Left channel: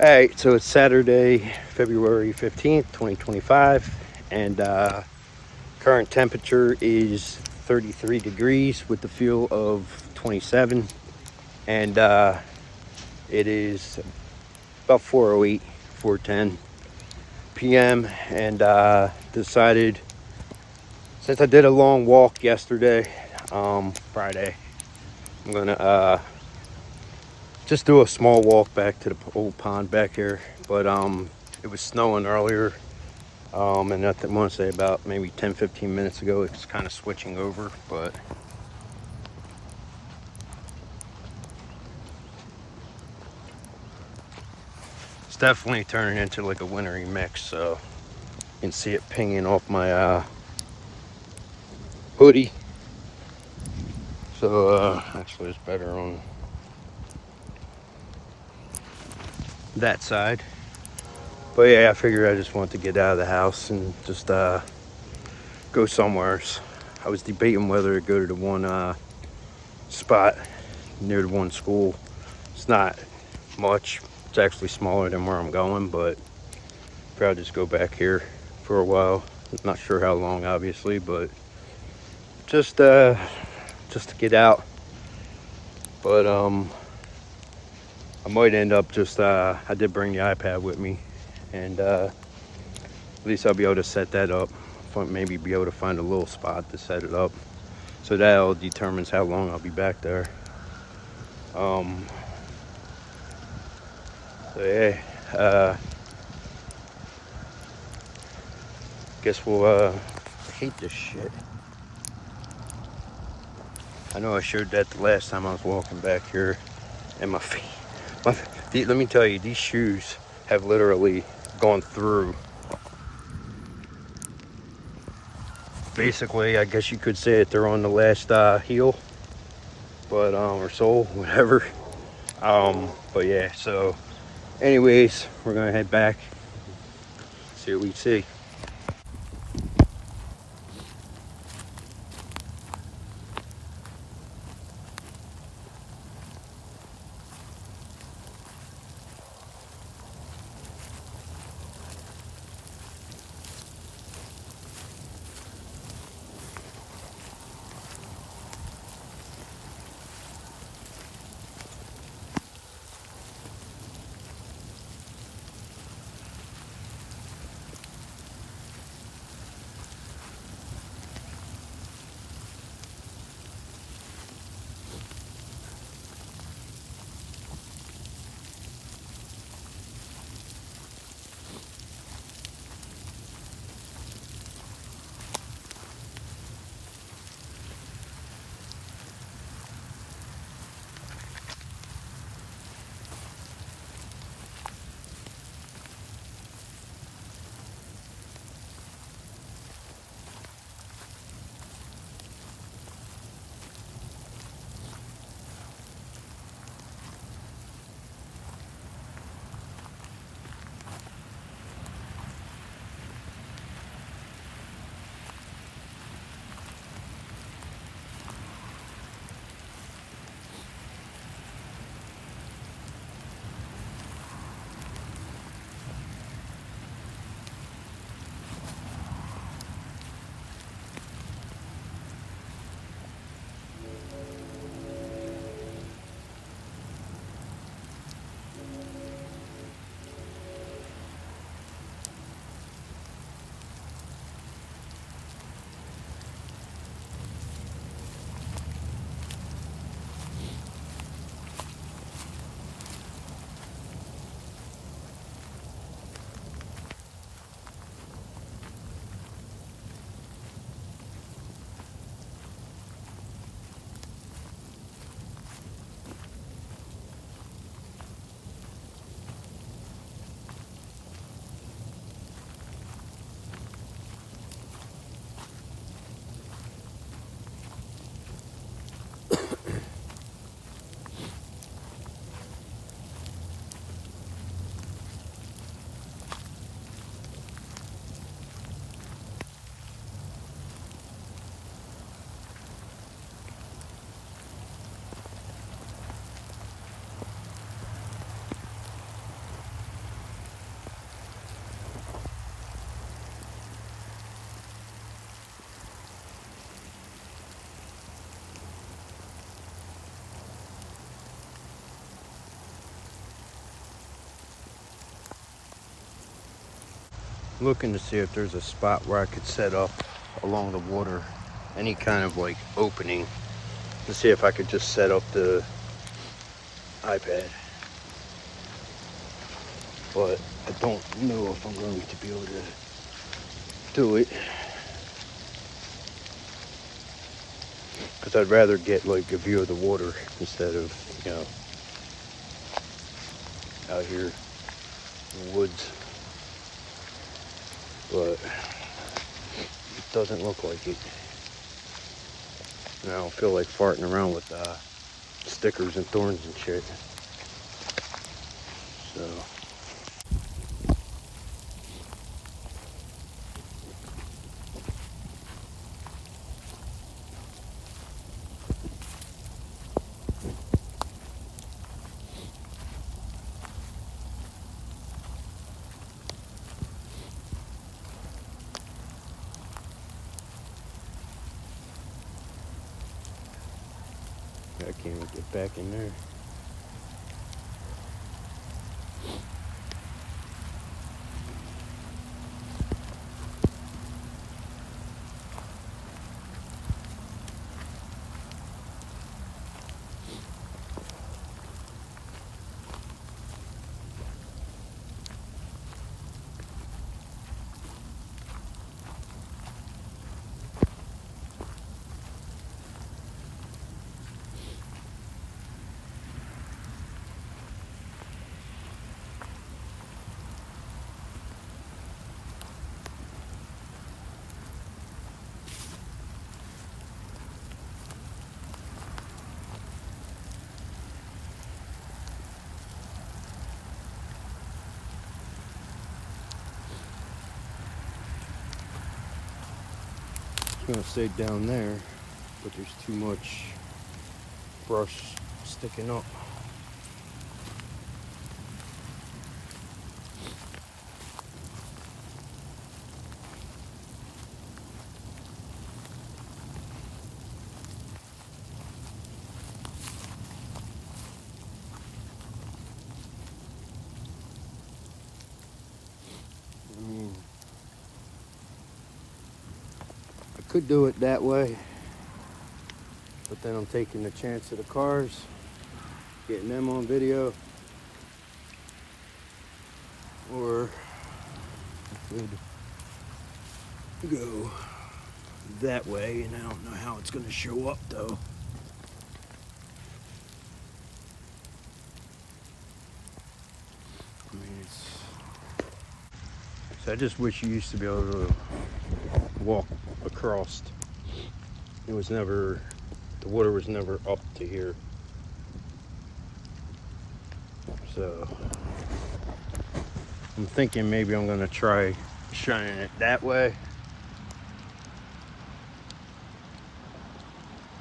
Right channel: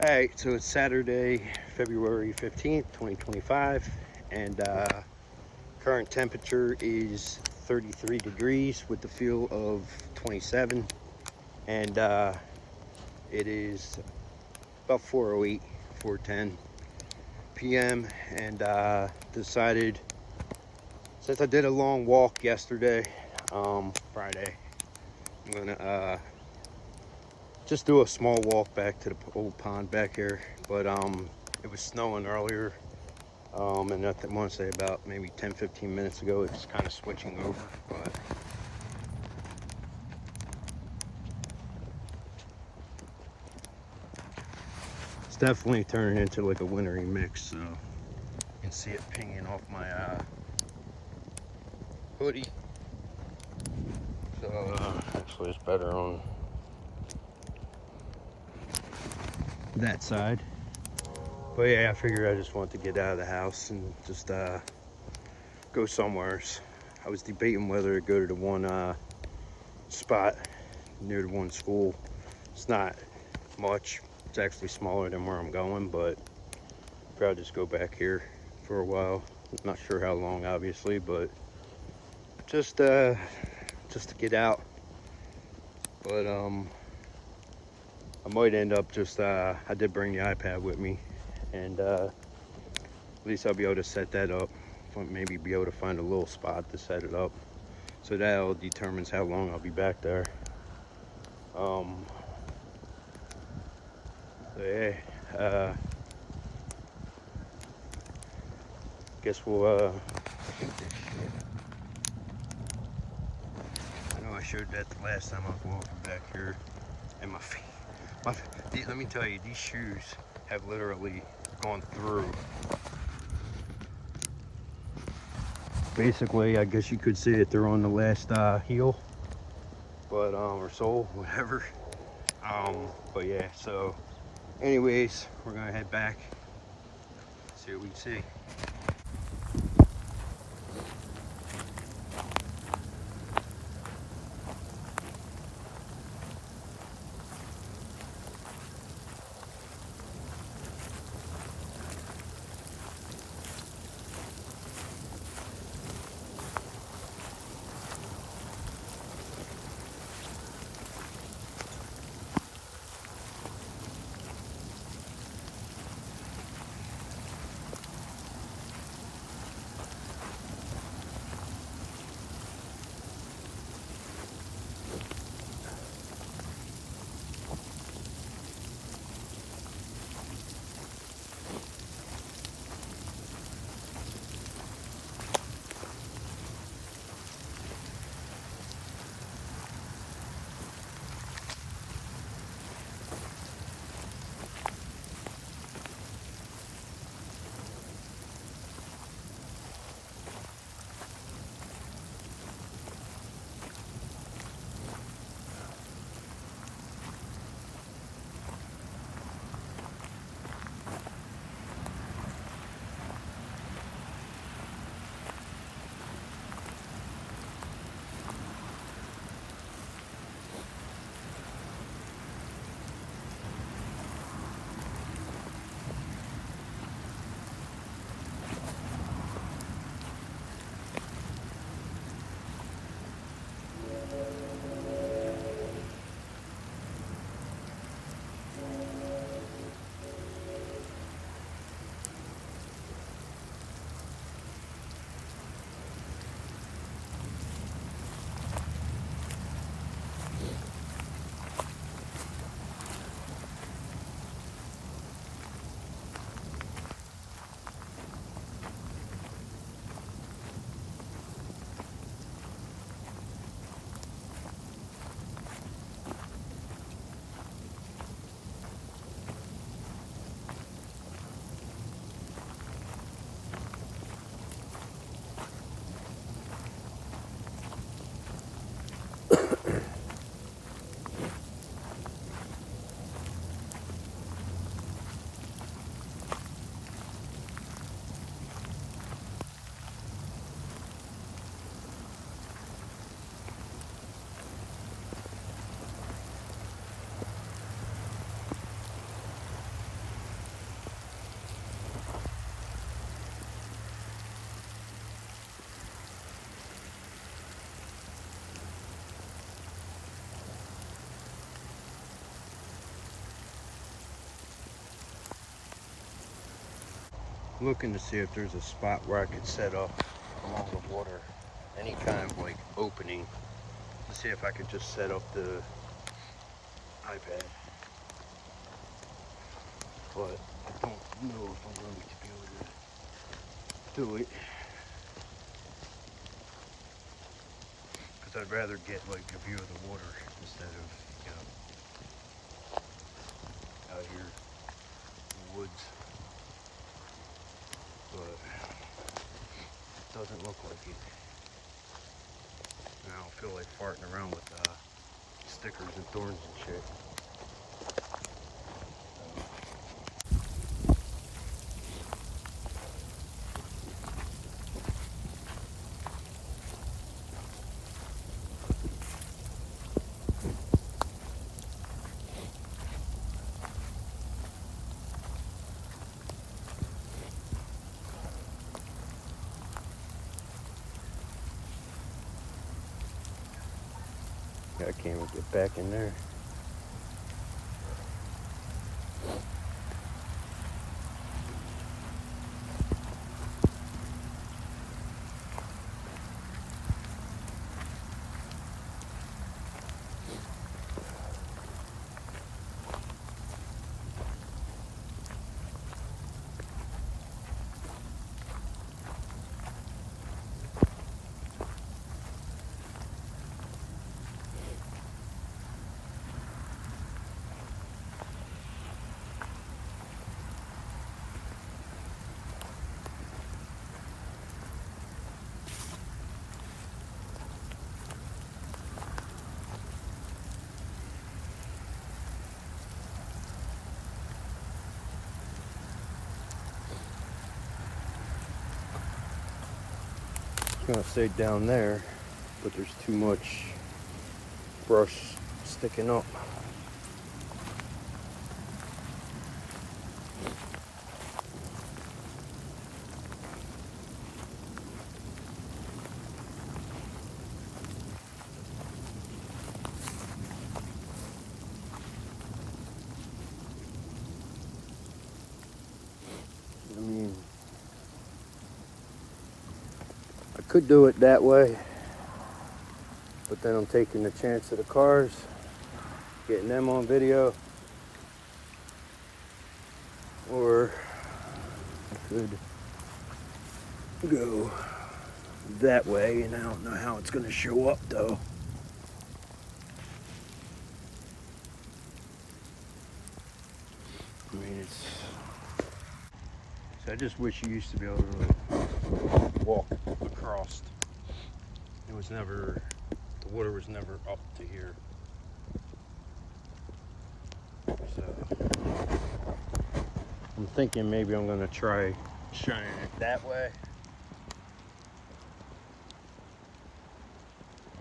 Alright, so it's Saturday, February 15th, 2025, and current temperature is 33 degrees with the feel of 27, and it is about 4:08, 4:10 p.m., and decided, since I did a long walk yesterday, Friday, I'm gonna just do a small walk back to the old pond back here. But it was snowing earlier, and I want to say about maybe 10-15 minutes ago it's kind of switching over, but it's definitely turning into like a wintry mix. So you can see it pinging off my hoodie. So actually it's better on that side. But yeah, I figured I just want to get out of the house and just go somewhere. I was debating whether to go to the one spot near the one school. It's not much. It's actually smaller than where I'm going, but probably just go back here for a while. Not sure how long, obviously, but just to get out. But I might end up just I did bring the iPad with me, and at least I'll be able to set that up. Maybe be able to find a little spot to set it up, so that determines how long I'll be back there. So yeah, guess we'll hate this shit. I know I showed that the last time I was walking back here, and my feet. Let me tell you, these shoes have literally gone through. Basically, I guess you could say that they're on the last heel, but or sole, whatever. But yeah. So, anyways, we're gonna head back, see what we see. looking to see if there's a spot where I could set up along the water, any kind of like opening, to see if I could just set up the iPad. But I don't know if I'm going to be able to do it, because I'd rather get like a view of the water instead of, you know, out here in the woods. But it doesn't look like it. And I don't feel like farting around with stickers and thorns and shit. So I can't even get back in there. I'm gonna stay down there, but there's too much brush sticking up. I mean, I could do it that way, but then I'm taking the chance of the cars, getting them on video. Or I could go that way, and I don't know how it's gonna show up though. I mean, so I just wish you used to be able to walk across. It was never, the water was never up to here. So I'm thinking maybe I'm gonna try shining it that way.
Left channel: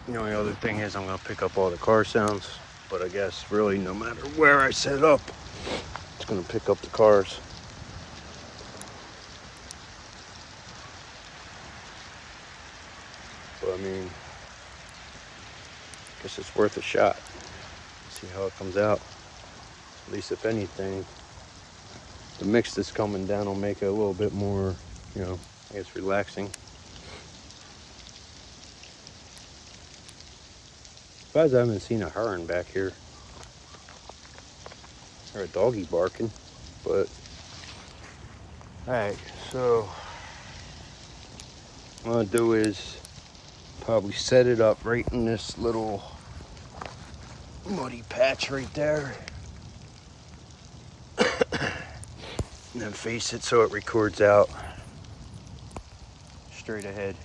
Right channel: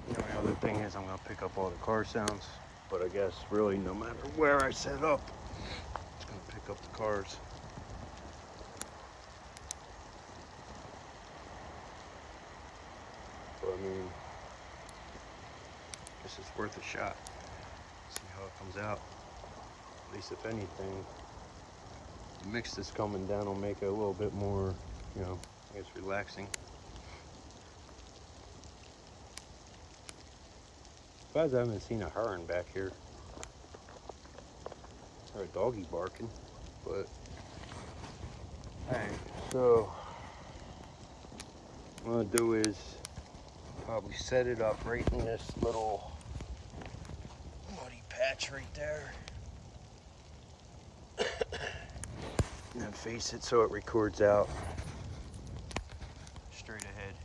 The only other thing is I'm gonna pick up all the car sounds, but I guess really no matter where I set up, it's gonna pick up the cars. But I mean, I guess it's worth a shot. See how it comes out. At least if anything, the mix that's coming down will make it a little bit more, you know, I guess relaxing. Surprised I haven't seen a heron back here. Or a doggy barking, but. Alright, so what I'm gonna do is probably set it up right in this little muddy patch right there. And then face it so it records out straight ahead.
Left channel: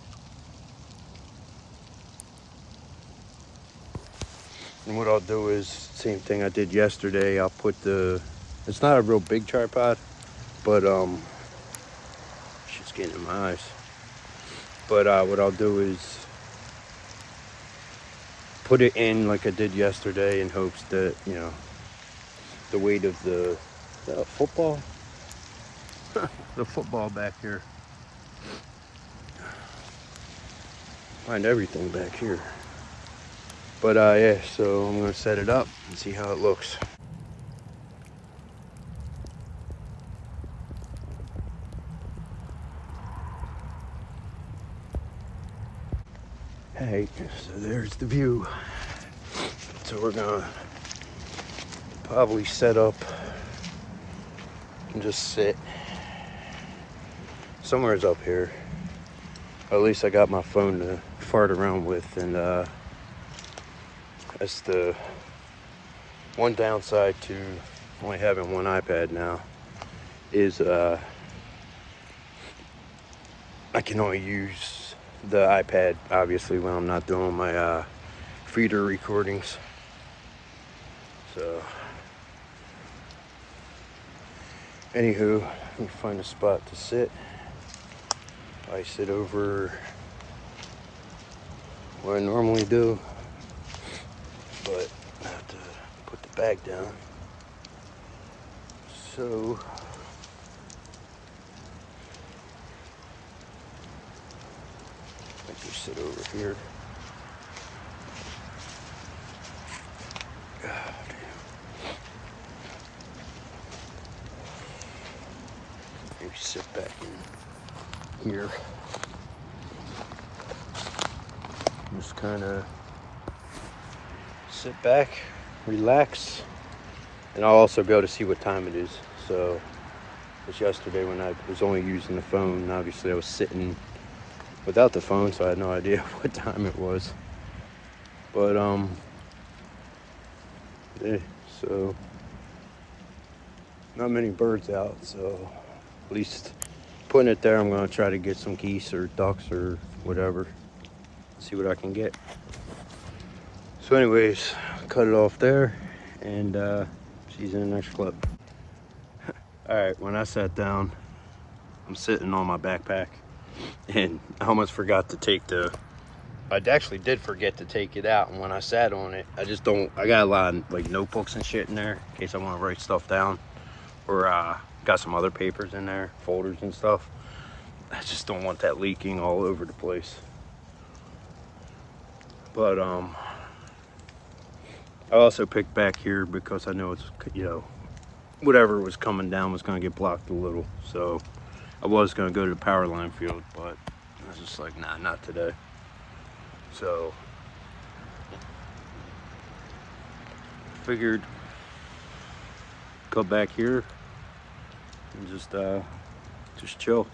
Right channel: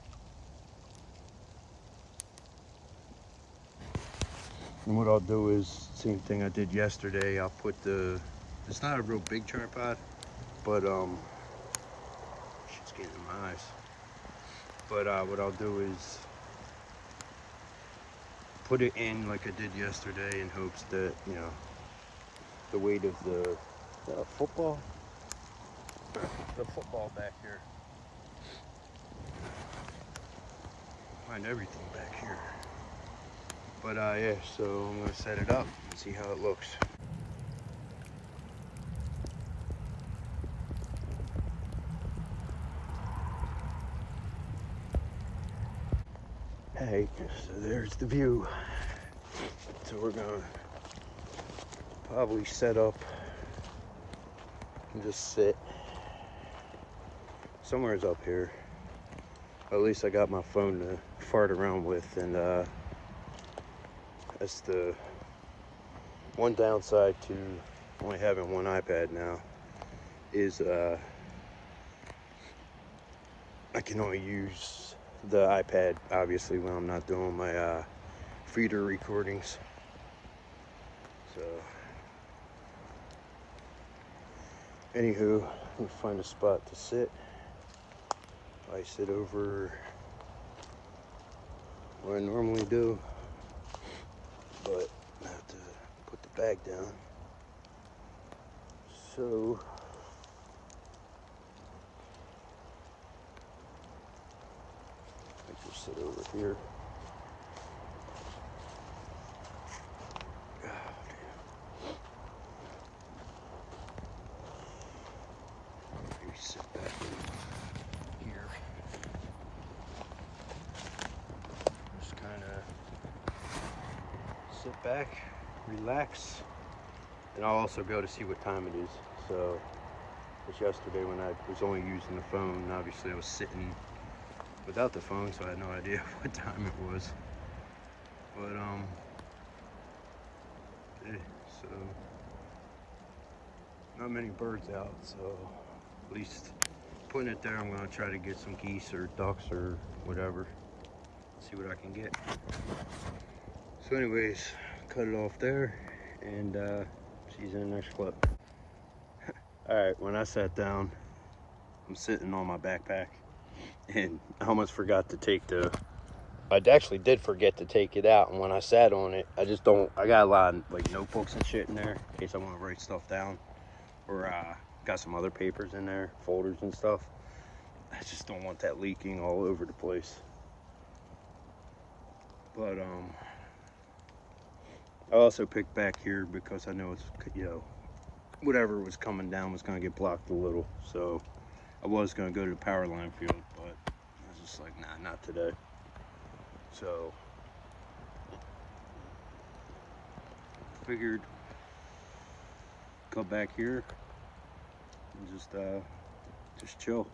And what I'll do is, same thing I did yesterday, I'll put it's not a real big tripod, but shit's getting in my eyes. But what I'll do is put it in like I did yesterday in hopes that, you know, the weight of is that a football? The football back here. Find everything back here. But yeah, so I'm gonna set it up and see how it looks. Hey, so there's the view. So we're gonna probably set up and just sit. Somewhere's up here. Or at least I got my phone to fart around with, and that's the one downside to only having one iPad now is I can only use the iPad obviously when I'm not doing my feeder recordings. So anywho, let me find a spot to sit. I sit over where I normally do, but I have to put the bag down. So I can sit over here. God damn. Maybe sit back in here. Just kind of sit back, relax, and I'll also be able to see what time it is. So, it's yesterday when I was only using the phone. Obviously, I was sitting without the phone, so I had no idea what time it was. But yeah, so not many birds out. So, at least putting it there, I'm gonna try to get some geese or ducks or whatever. See what I can get. So anyways, cut it off there, and she's in the next clip. All right, when I sat down, I'm sitting on my backpack, and I almost forgot to take I actually did forget to take it out, and when I sat on it, I got a lot of like notebooks and shit in there in case I want to write stuff down, or got some other papers in there, folders and stuff. I just don't want that leaking all over the place. But I also picked back here because I know it's, whatever was coming down was going to get blocked a little. So I was going to go to the power line field, but I was just like, nah, not today. So figured go back here and just chill.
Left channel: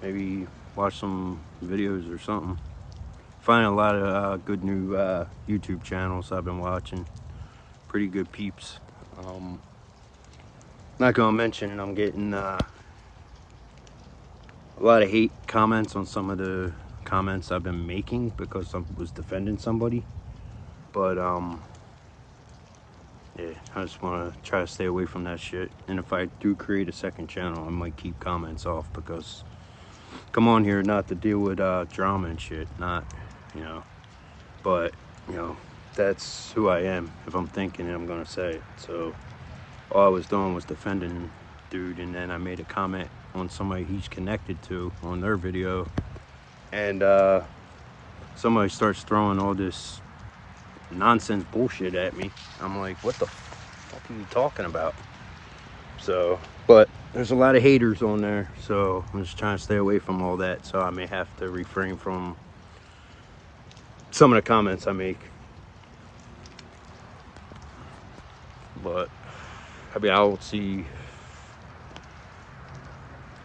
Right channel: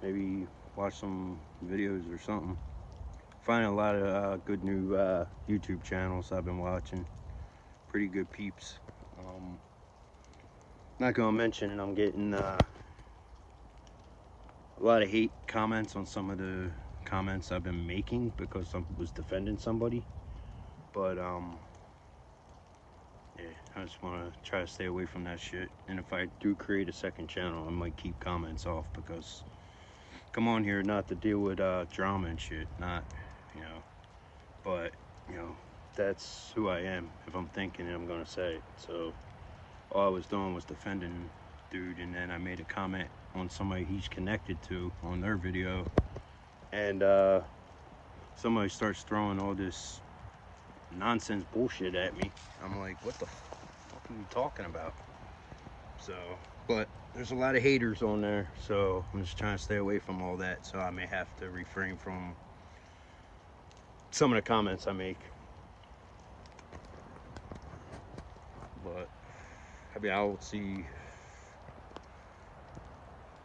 Maybe watch some videos or something. Finding a lot of good new YouTube channels I've been watching. Pretty good peeps. Not gonna mention I'm getting a lot of hate comments on some of the comments I've been making because I was defending somebody. But yeah, I just want to try to stay away from that shit. And if I do create a second channel, I might keep comments off, because come on here not to deal with drama and shit, not, but that's who I am. If I'm thinking it, I'm gonna say it. So all I was doing was defending dude, and then I made a comment on somebody he's connected to on their video, and somebody starts throwing all this nonsense bullshit at me. I'm like, what the fuck are you talking about? So, but there's a lot of haters on there, so I'm just trying to stay away from all that. So I may have to refrain from some of the comments I make. But I mean, I don't see,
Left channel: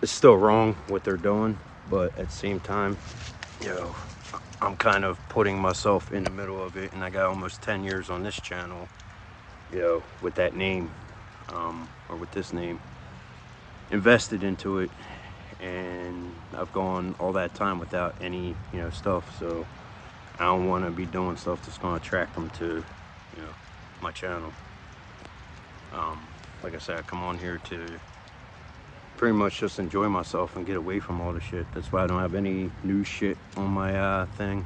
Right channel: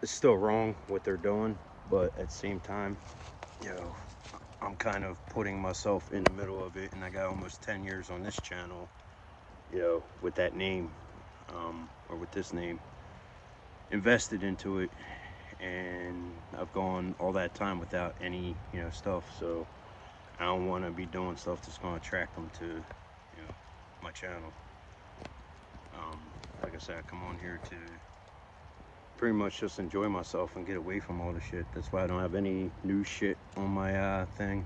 it's still wrong what they're doing, but at the same time, I'm kind of putting myself in the middle of it, and I got almost 10 years on this channel, with that name, or with this name, invested into it, and I've gone all that time without any, stuff. So I don't want to be doing stuff that's going to attract them to, my channel. Like I said, I come on here to pretty much just enjoy myself and get away from all the shit. That's why I don't have any new shit on my thing.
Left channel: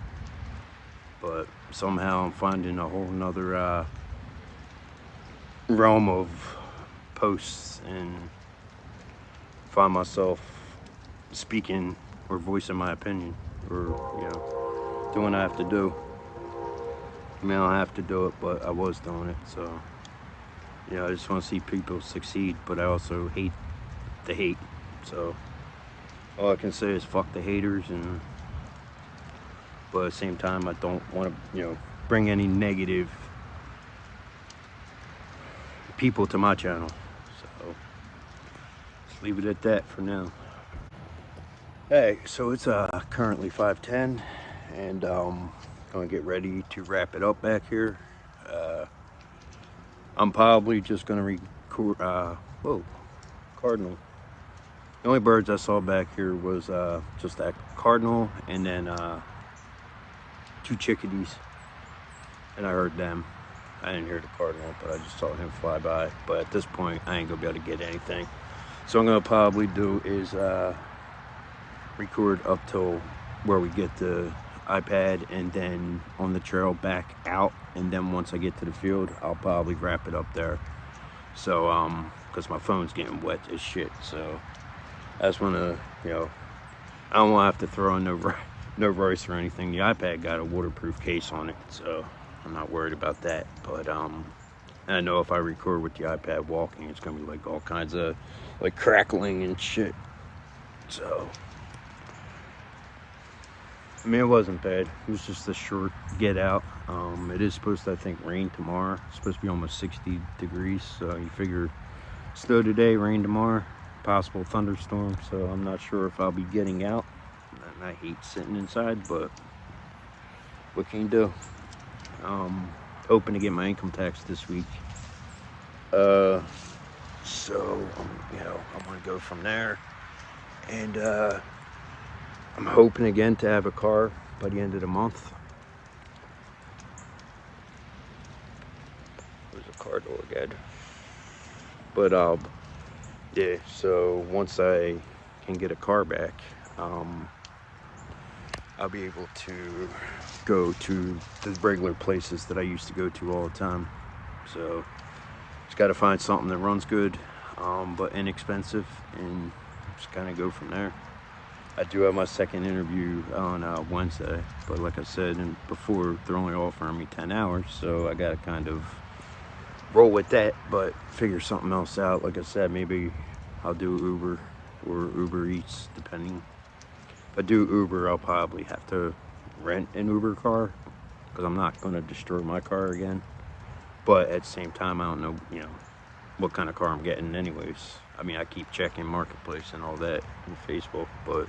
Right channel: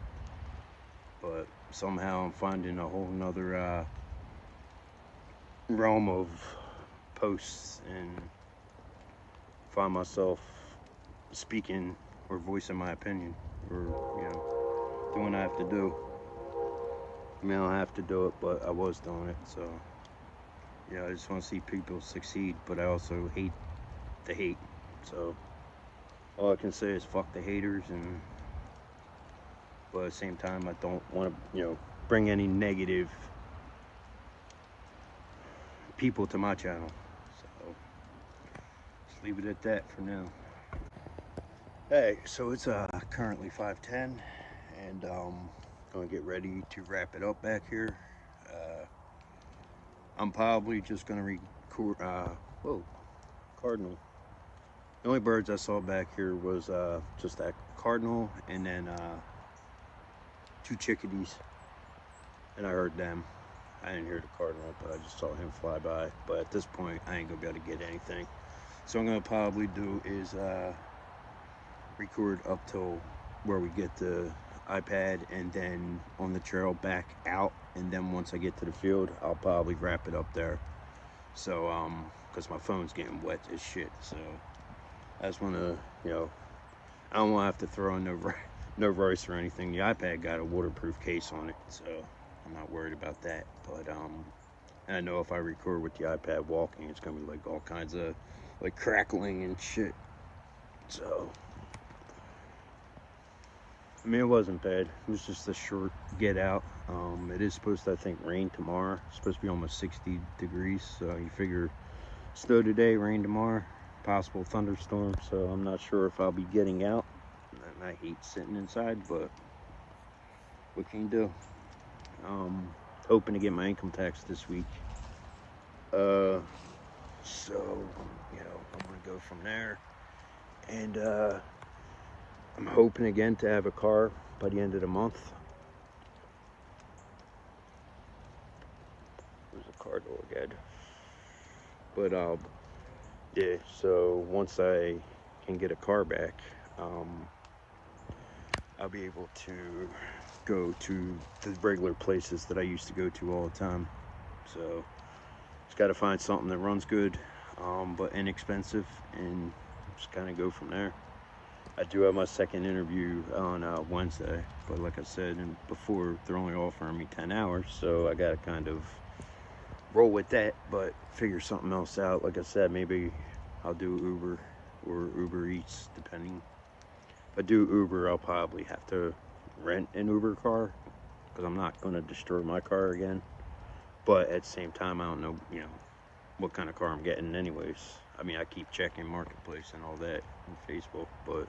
But somehow I'm finding a whole nother realm of posts, and find myself speaking or voicing my opinion, or doing what I have to do. I mean, I don't have to do it, but I was doing it. So I just want to see people succeed, but I also hate the hate. So all I can say is fuck the haters, and but at the same time, I don't want to, you know, bring any negative people to my channel. So let's leave it at that for now. Hey, so it's currently 5:10, and gonna get ready to wrap it up back here. I'm probably just gonna record. Whoa, cardinal. The only birds I saw back here was just that cardinal, and then 2 chickadees, and I heard them. I didn't hear the cardinal, but I just saw him fly by. But at this point, I ain't gonna be able to get anything. So I'm gonna probably do is record up till where we get the iPad, and then on the trail back out, and then once I get to the field, I'll probably wrap it up there. So because my phone's getting wet as shit, so I just want to, you know, I don't want to have to throw in no rice or anything. The iPad got a waterproof case on it, so I'm not worried about that. But and I know if I record with the iPad walking, it's gonna be like all kinds of like crackling and shit. So I mean, it wasn't bad. It was just a short get out. It is supposed to, I think, rain tomorrow. It's supposed to be almost 60 degrees. So you figure snow today, rain tomorrow, possible thunderstorm. So I'm not sure if I'll be getting out. And I hate sitting inside, but what can you do? Hoping to get my income tax this week. So, you know, I'm gonna go from there. And I'm hoping again to have a car by the end of the month. There's a car door again. But yeah, so once I can get a car back, I'll be able to go to the regular places that I used to go to all the time. So just got to find something that runs good, but inexpensive, and just kind of go from there. I do have my second interview on Wednesday, but like I said, and before, they're only offering me 10 hours, so I gotta kind of roll with that, but figure something else out. Like I said, maybe I'll do Uber or Uber Eats, depending. If I do Uber, I'll probably have to rent an Uber car, because I'm not gonna destroy my car again. But at the same time, I don't know, you know, what kind of car I'm getting anyways. I mean, I keep checking Marketplace and all that and Facebook, but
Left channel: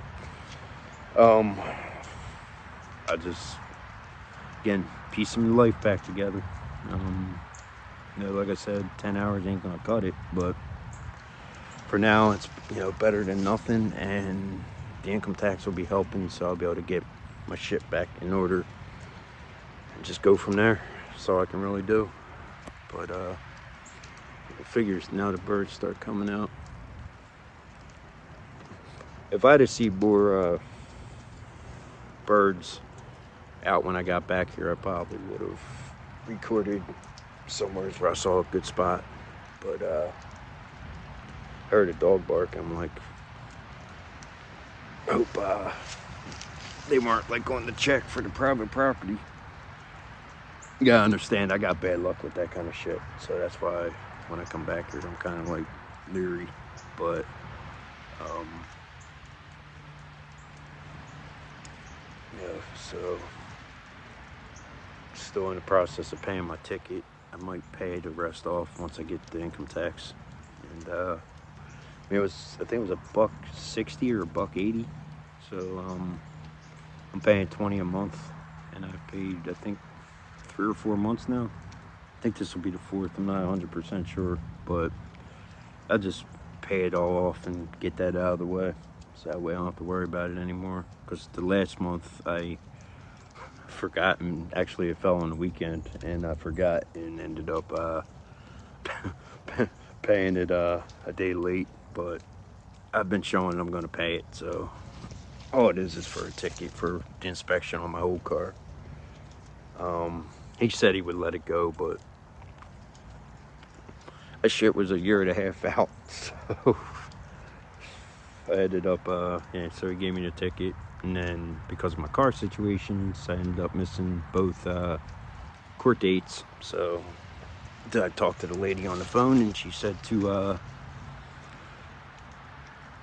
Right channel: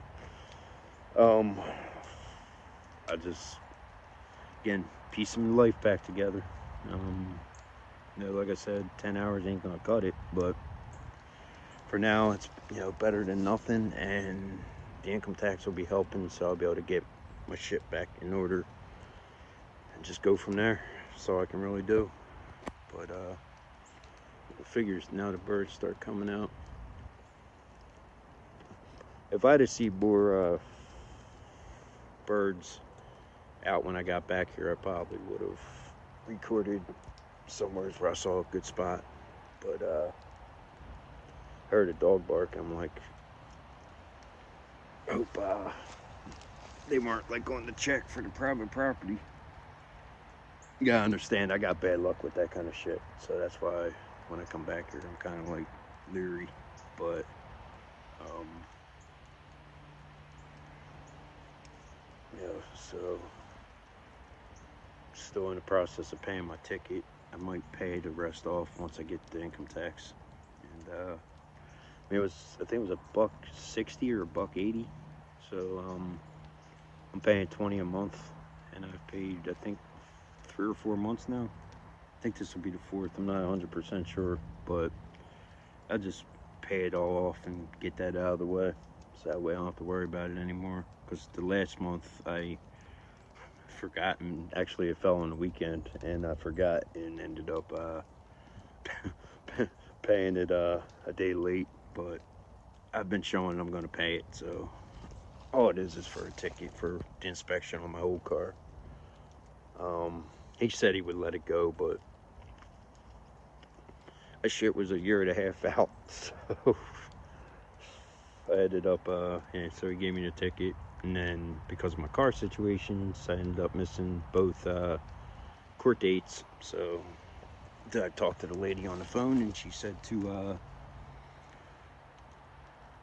I just, again, piece my life back together. You know, like I said, 10 hours ain't gonna cut it, but for now, it's, you know, better than nothing, and the income tax will be helping, so I'll be able to get my shit back in order and just go from there. That's all I can really do. But it figures now the birds start coming out. If I'd have seen more birds out when I got back here, I probably would have recorded somewhere where I saw a good spot. But heard a dog bark. I'm like, hope they weren't like going to check for the private property. You gotta understand, I got bad luck with that kind of shit, so that's why when I come back here, I'm kind of like leery. But yeah, so still in the process of paying my ticket. I might pay the rest off once I get the income tax. And I mean, I think it was $1.60 or $1.80. So I'm paying $20 a month, and I've paid, I think, 3 or 4 months now. I think this will be the 4th. I'm not 100% sure, but I'll just pay it all off and get that out of the way, so that way I don't have to worry about it anymore. Because the last month I forgot, and actually it fell on the weekend, and I forgot and ended up paying it a day late. But I've been showing I'm going to pay it, so all it is for a ticket for the inspection on my old car. He said he would let it go, but that shit was 1.5 years out, so I ended up, yeah, so he gave me the ticket, and then because of my car situations, I ended up missing both court dates. So I talked to the lady on the phone, and she said to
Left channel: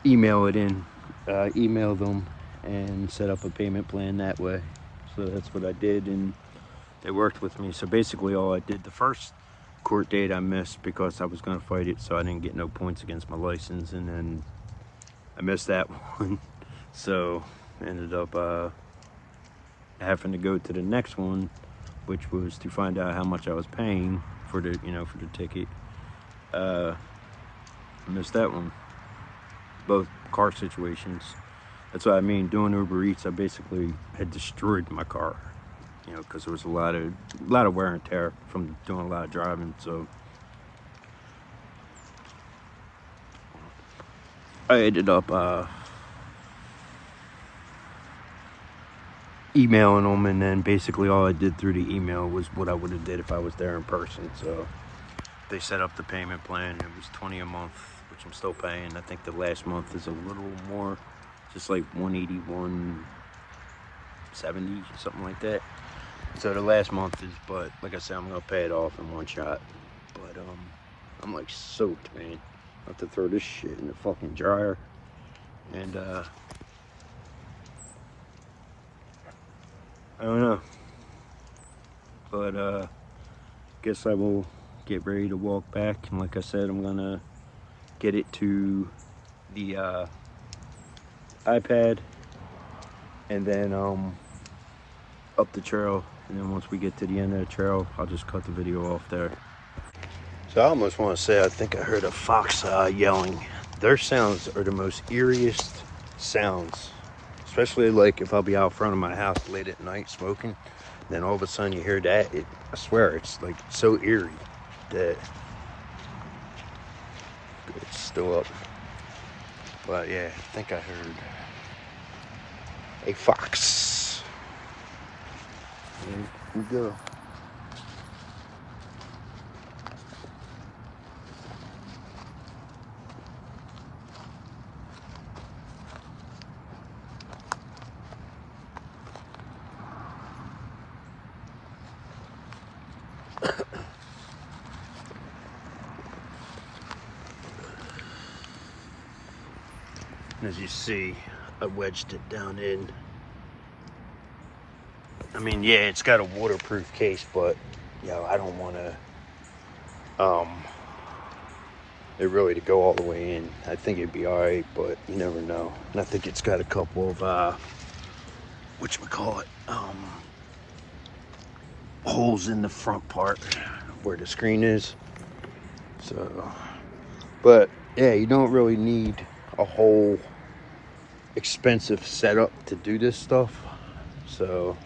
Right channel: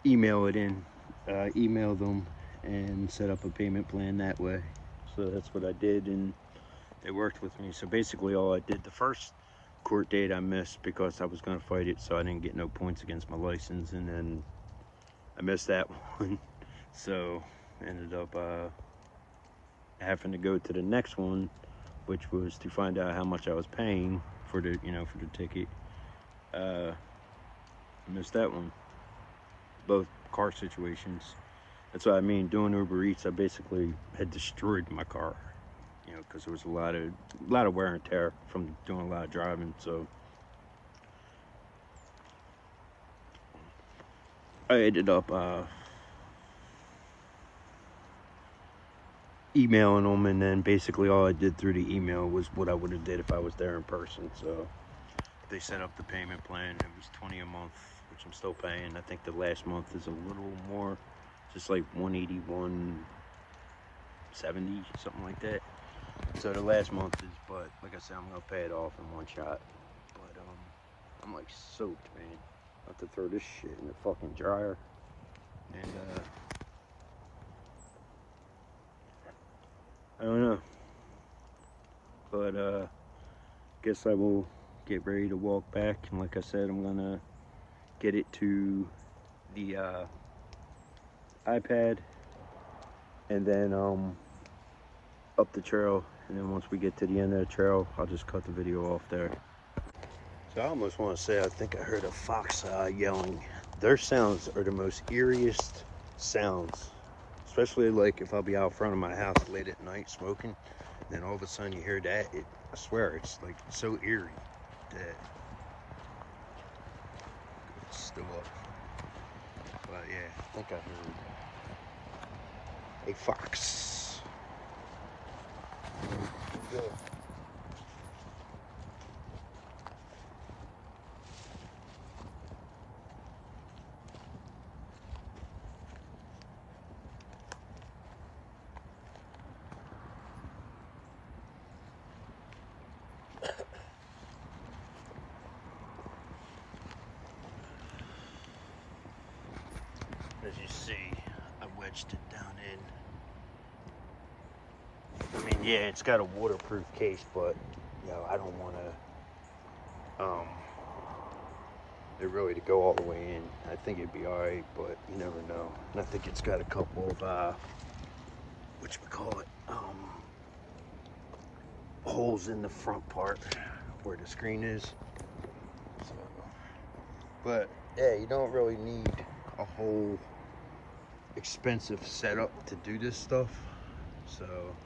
email them and set up a payment plan that way. so that's what I did, and they worked with me. So basically all I did, the first court date I missed because I was going to fight it, so I didn't get no points against my license, and then I missed that one. So ended up having to go to the next one, which was to find out how much I was paying for the, for the ticket. I missed that one. Both car situations. That's what I mean. Doing Uber Eats, I basically had destroyed my car, because there was a lot of wear and tear from doing a lot of driving. So I ended up emailing them, and then basically all I did through the email was what I would have did if I was there in person. So they set up the payment plan. It was $20 a month, which I'm still paying. I think the last month is a little more, just like $181.70, something like that. So the last month is, but like I said, I'm gonna pay it off in one shot. But I'm like soaked, man. I have to throw this shit in the fucking dryer, and I don't know. But guess I will get ready to walk back, and like I said, I'm gonna get it to the iPad, and then up the trail, and then once we get to the end of the trail, I'll just cut the video off there. So I almost want to say I think I heard a fox yelling. Their sounds are the most eeriest sounds, especially like if I'll be out front of my house late at night smoking, then all of a sudden you hear that. I swear it's like so eerie that it's still up. But yeah, I think I heard a fox. There we go. As you see, I wedged it down in. I mean, yeah, it's got a waterproof case, but I don't want to it really to go all the way in. I think it'd be all right, but you never know. And I think it's got a couple of whatchamacallit, holes in the front part where the screen is. So, but yeah, you don't really need a whole expensive setup to do this stuff. So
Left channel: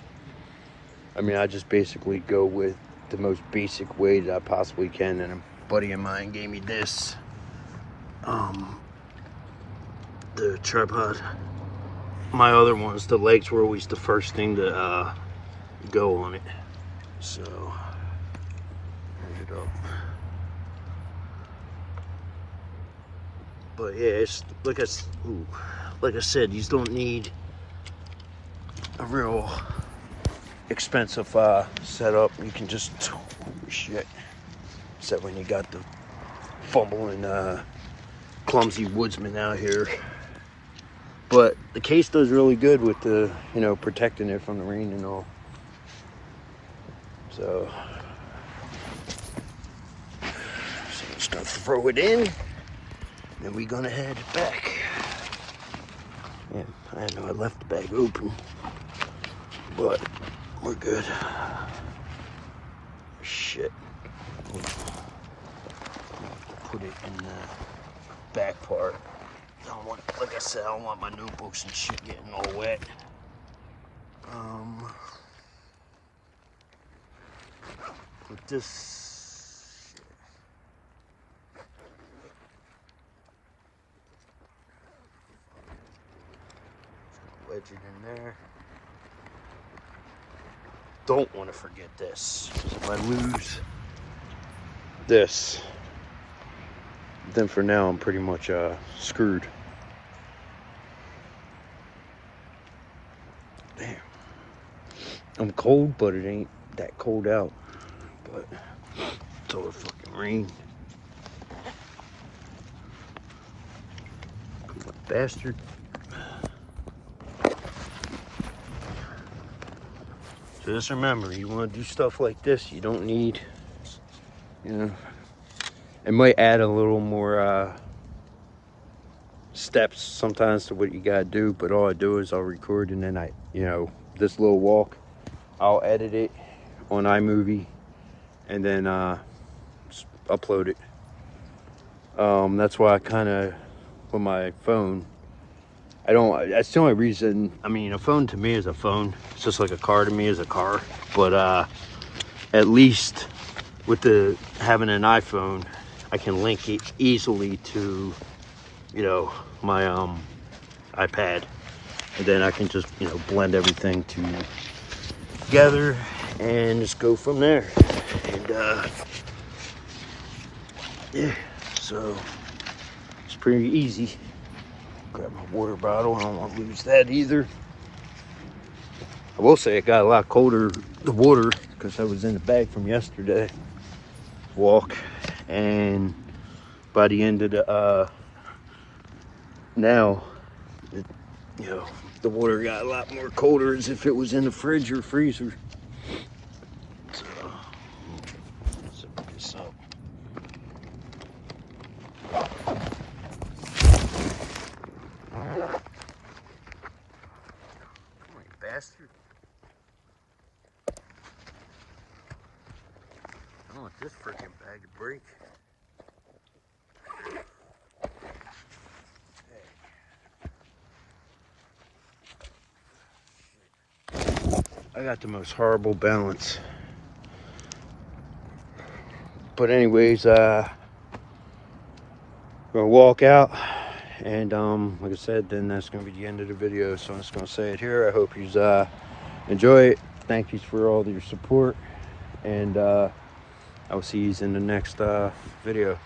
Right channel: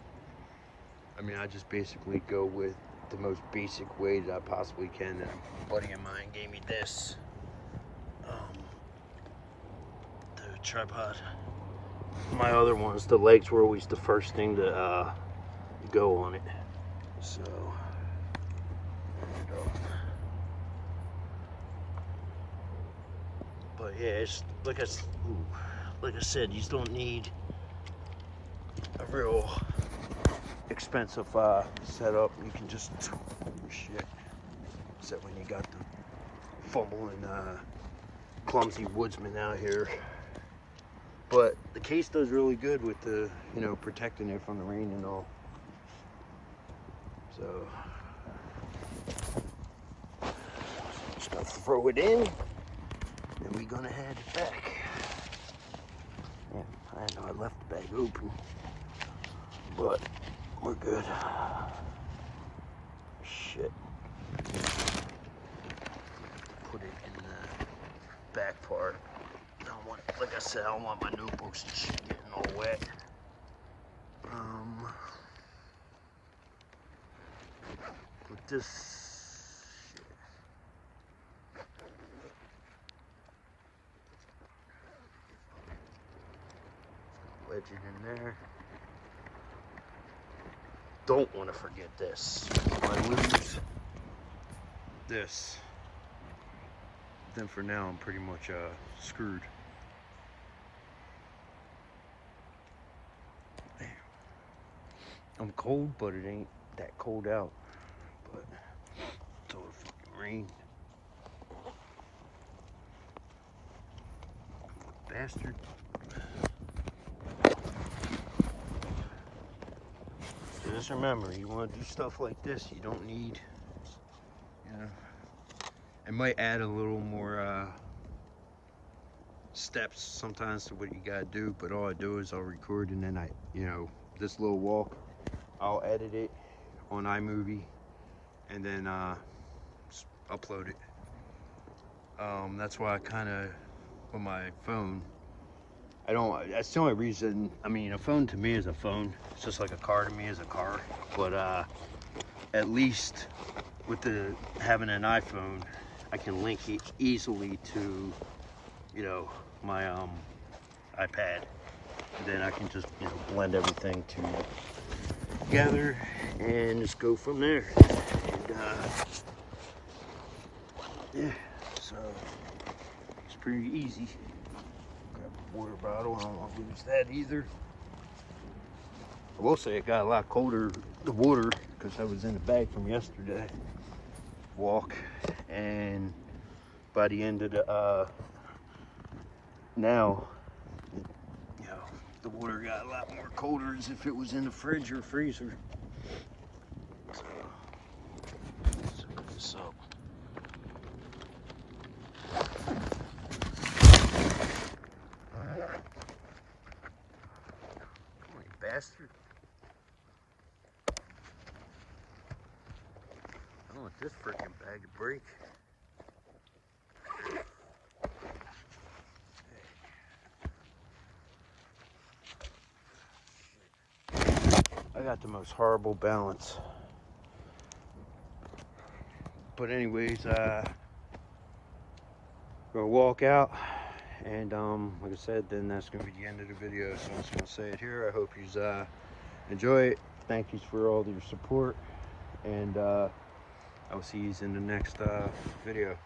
I mean, I just basically go with the most basic way that I possibly can, and a buddy of mine gave me this the tripod. My other ones, the legs were always the first thing to go on it. So there you go. But yeah, it's like I said, you don't need a real expensive setup. You can just, oh shit, except when you got the fumbling clumsy woodsman out here. But the case does really good with the, protecting it from the rain and all. So just gonna throw it in, then we're gonna head back. Yeah, I know I left the bag open, but we're good. Shit. Put it in the back part. I don't want, like I said, I don't want my notebooks and shit getting all wet. Put this. Wedge it in there. Don't want to forget this. If I lose this, then for now I'm pretty much screwed. Damn. I'm cold, but it ain't that cold out. But it's all the fucking rain. Come on, bastard. Just remember, you want to do stuff like this, you don't need, you know, it might add a little more steps sometimes to what you gotta do, but all I do is I'll record, and then this little walk, I'll edit it on iMovie and then just upload it. That's why I kind of, with my phone, that's the only reason. I mean, a phone to me is a phone. It's just like a car to me is a car. But at least with having an iPhone, I can link it easily to, my iPad. And then I can just, blend everything together and just go from there. And yeah, so it's pretty easy. Grab my water bottle. I don't want to lose that either. I will say it got a lot colder, the water, because I was in the bag from yesterday walk, and by the end of the now, the water got a lot more colder, as if it was in the fridge or freezer. So let's zip this up. Bastard. I don't want this freaking bag to break. I got the most horrible balance. But anyways, gonna walk out, and like I said, then that's gonna be the end of the video. So I'm just gonna say it here. I hope you enjoy it. Thank you for all your support, and I will see you in the next video.